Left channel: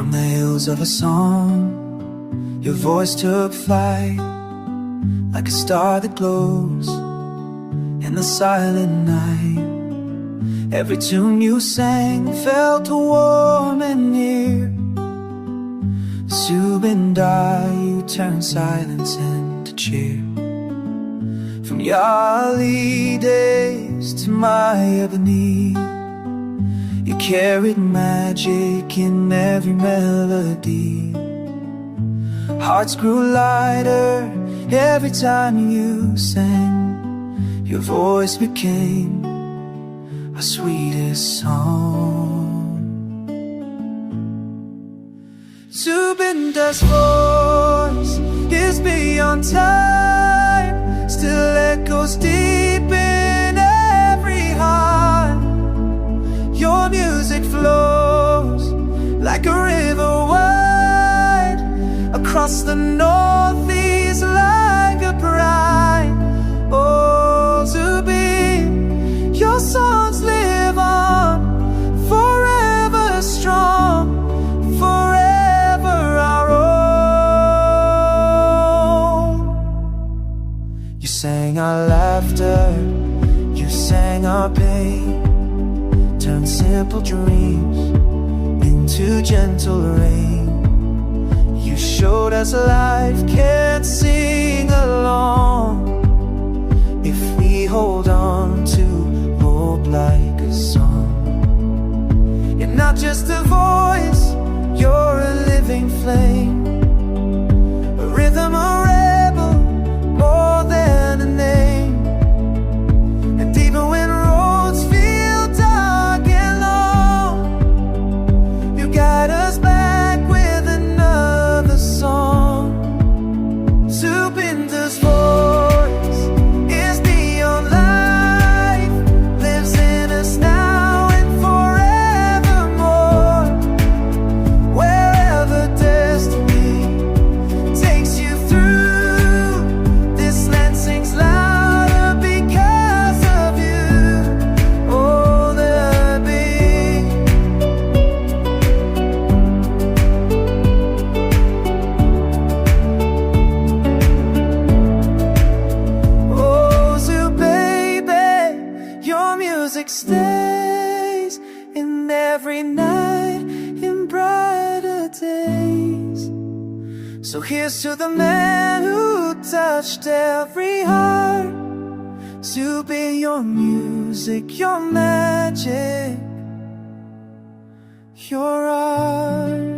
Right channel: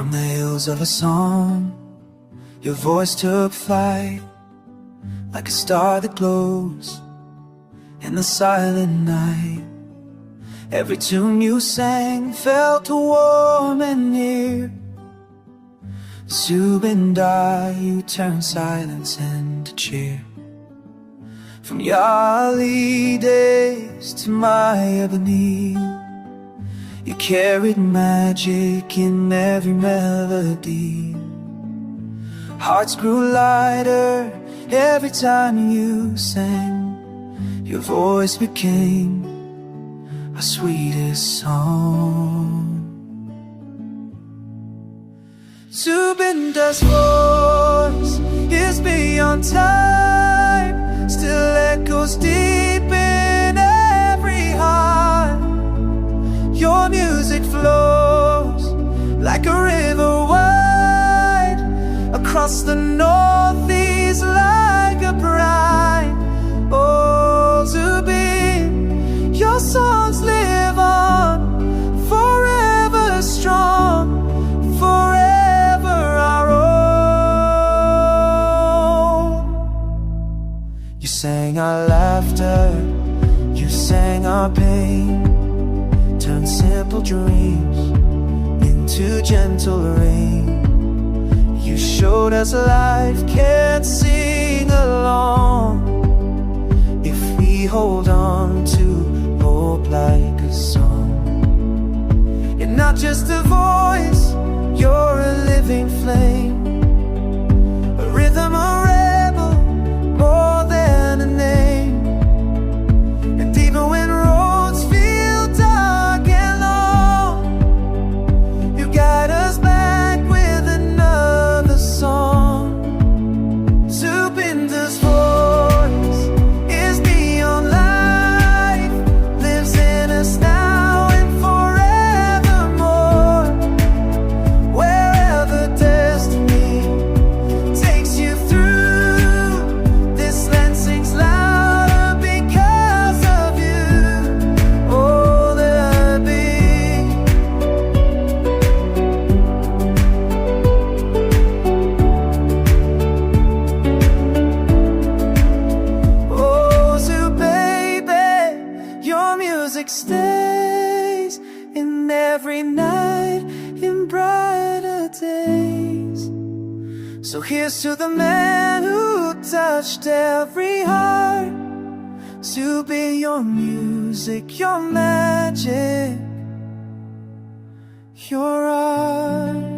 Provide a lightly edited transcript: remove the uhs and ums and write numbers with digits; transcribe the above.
From the hills of Assam, your voice took flight, like a star that glows in the silent night. Every tune you sang felt warm and near. Zubeen Garg, you turned silence into cheer. From your early days to Mayabini, you carried magic in every melody. Hearts grew lighter every time you sang. Your voice became our sweetest song. Zubeen Garg's voice is beyond time, still echoes deep in every heart. Your music flows like a river wide, across the northeast like a bride. Oh, Zubeen, your songs live on, forever strong, forever our own. You sang our laughter, you sang our pain, turned simple dreams into gentle rain. You showed us life can sing along if we hold on to hope like a song. You're not just a voice, you're a living flame, a rhythm, a rebel, more than a name. And even when roads feel dark and long, you guide us back with another song. Zubeen Garg's voice is beyond life, lives in us now and forevermore. Wherever destiny takes you through, this land sings louder because of you. Oh, there be. Oh, Zoo baby, your music stays in every night, in brighter days. So here's to the man who touched every heart. Zubeen, your music, your magic, your art.